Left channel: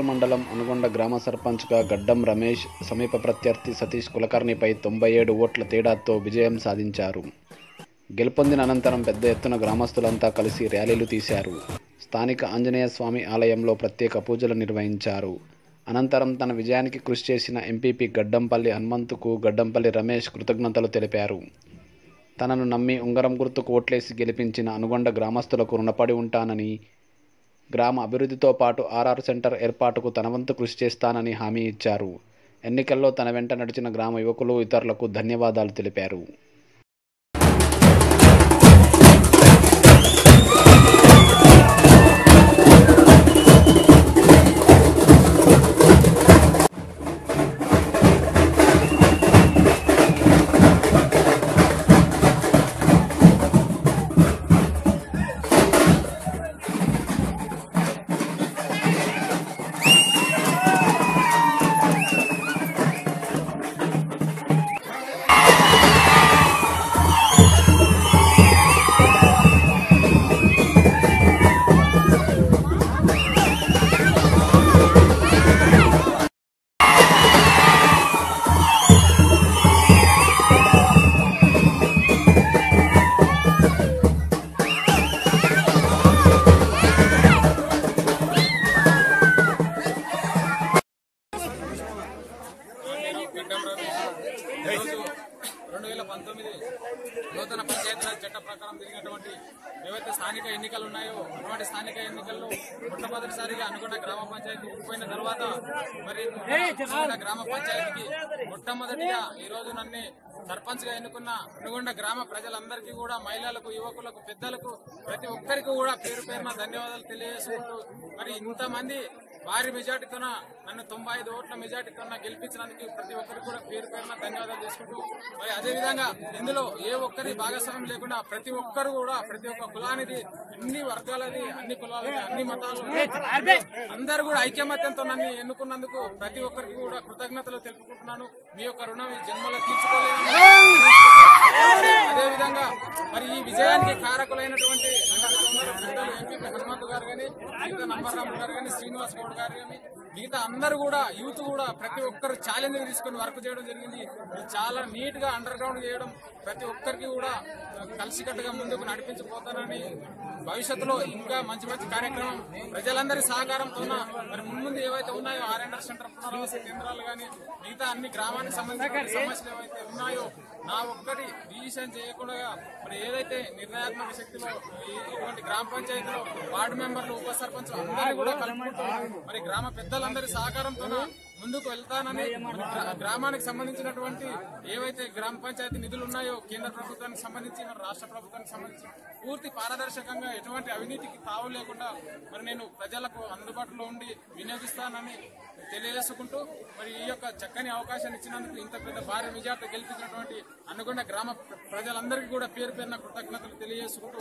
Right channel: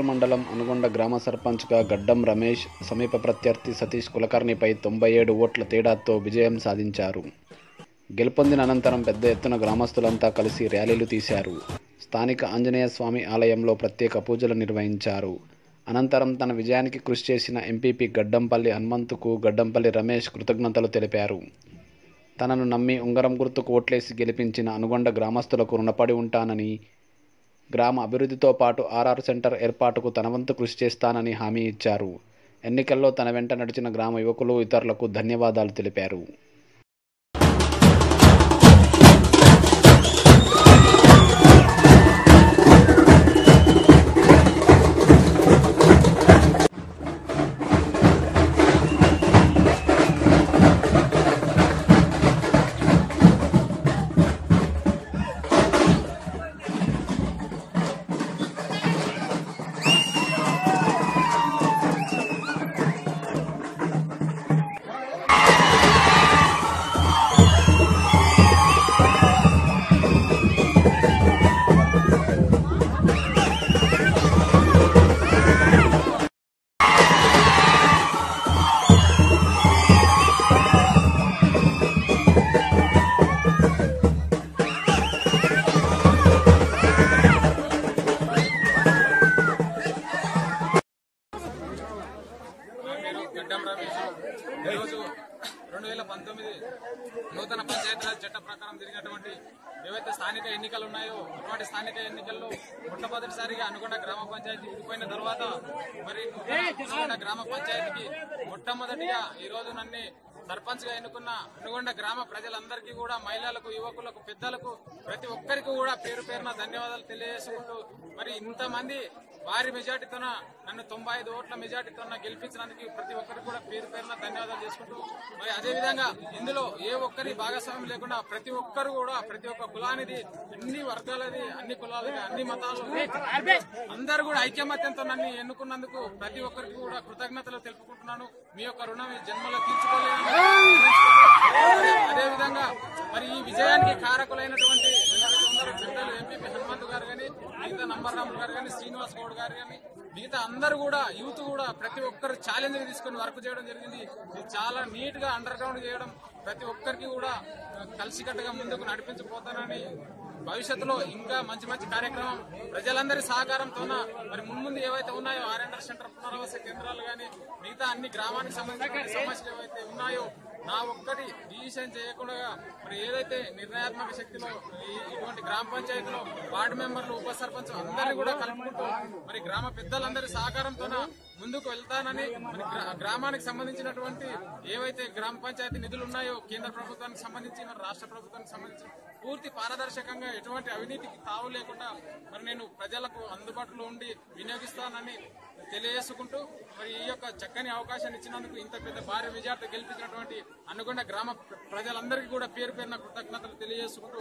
గోపాల్ మండలం అనుగొండ గ్రామ సర్పంచ్గా గడ్డం రమేష్ సమీప ప్రత్యర్థి సతీష్ కులకర్ణిపై తొంభై ఏడు ఓట్ల తేడాతో విజయం సాధించారు. గెలుపొందిన అనంతరం పెద్ద ఎత్తున గ్రామస్తులంతా కలిసి ర్యాలీలు తీశారు. స్థానిక ఆంజనేయ స్వామి ఆలయంలో ప్రత్యేక పూజలు నిర్వహించారు. అనంతరం తన విజయానికి కృషి చేసిన ఎంపీపీ గడ్డంపల్లి హనుమంతుకు గడ్డంపల్లి రమేష్ కృతజ్ఞతలు తెలిపారు. తనను నమ్మి ఉంగరం గుర్తుకు ఓట్లేసి గెలిపించిన అనుగొండ గ్రామస్తులకు రుణపడి ఉంటానని గ్రామ అభివృద్ధితో పాటు ఆర్ఆర్ సెంటర్ ఏర్పాటుకు తన వంతు కృషి చేస్తానని హామీ ఇచ్చారు. ఎన్నికల్లో తన వెంట నడిచిన గ్రామ యువకులు ఇతరులకు ధన్యవాదాలు తెలిపారు. గ్రామ మొట్టమొదటిగా ఈ రోజు నన్ను సర్పంచ్గా ఎన్నుకున్న అనుగొండ గ్రామ ప్రజలందరికీ కూడా మహిళలకు యువకులకు పెద్దలకు ప్రతి ఒక్కరికి కూడా పేరు పేరున ధన్యవాదాలు తెలియజేసుకుంటూ మరి ఇంతమంది భారీ మెజార్టీతో నన్ను తొంభై ఐదు ఓట్ల మెజార్టీతో గెలిపించినందుకు ప్రతి ఒక్కరికి కూడా పేరు పేరున ధన్యవాదాలు చేసుకుంటూ అదేవిధంగా ఇందులో ఏ ఒక్కరి భాగస్వామ్యం లేకుండా ప్రతి ఒక్కరు కూడా ప్రతి ఒక్క కులానిది అన్ని వర్గాలది అన్ని కులాలది అన్ని మతాలు అందరు కూడా ఐక్యమత్యంతో నన్ను ఎన్నుకున్నందుకు ప్రతి ఒక్కరికి కూడా కృతజ్ఞతలు తెలుపుకుంటున్నాను. మీ యొక్క రుణం ఈ జన్మలో తీర్చుకోలేను అదేవిధంగా మరి ఈ విజయానికి కారకులైనటువంటి ఎంపీ హనుమంత్ గారు కానీ గారు కానీ శ్రీనివాస్ గౌడ్ గారు కానీ మిగతా అందరూ కూడా యూత్ కూడా ప్రతి ఒక్కరు ఛాలెంజ్ తీసుకొని వర్క్ చేయడం జరిగింది. చాలా నీట్గా అండర్ గ్రౌండ్ చేయడం ప్రతి ఒక్కరికి కూడా కలిసికట్టుగా ముందుకు నడిపించబోతారని భవిష్యత్తులో ఇంకా మంచి మంచి కార్యక్రమం ప్రజలందరి సహకారంతో మరి ముందు ఏవైతే ఉన్నాయో ఆర్ఎన్ఆర్ సెంటర్ చికిత్స కేంద్రాలు కానీ మిగతా అన్ని గ్రామానికి సంబంధించిన సమస్యలు ఏవైతే ఉన్నాయో నా ఒక్కటి డిసిషన్ చేయకుండా మరి ఏదైతే నిర్ణయాత్మక శక్తి ఇటువంటి గ్రామ పంచాయతీలో వార్డు మెంబర్లు ఉప సర్పంచ్ మరి- గ్రామ పెద్దలందరి సహకారంతో ముందుకు వెళ్తానని గ్రా- గ్రామానికి సంబంధించినటువంటి ఏవైతే గ్రామ పంచాయతీ నిధులు ఉన్నాయో కేంద్ర ప్రభుత్వానికి సంబంధించి మరి రాష్ట్ర ప్రభుత్వానికి సంబంధించి పూర్తి పారదర్శకంగా ఎటువంటి అవినీతికి తావు లేకుండా మరి నేను ప్రజలకు అందుబాటులో ఉండి వినియోగిస్తానని తెలియజేసుకుంటూ మరి ఈ యొక్క చక్కని అవకాశాన్ని ఇచ్చినందుకు ఇంత పెద్ద భారీ విజయాలతో గెలిపించినటువంటి అనుకున్న గ్రామ ప్రజలందరికీ కూడా పేరు పేరున కృతజ్ఞతలు తెలియజేసుకుంటూ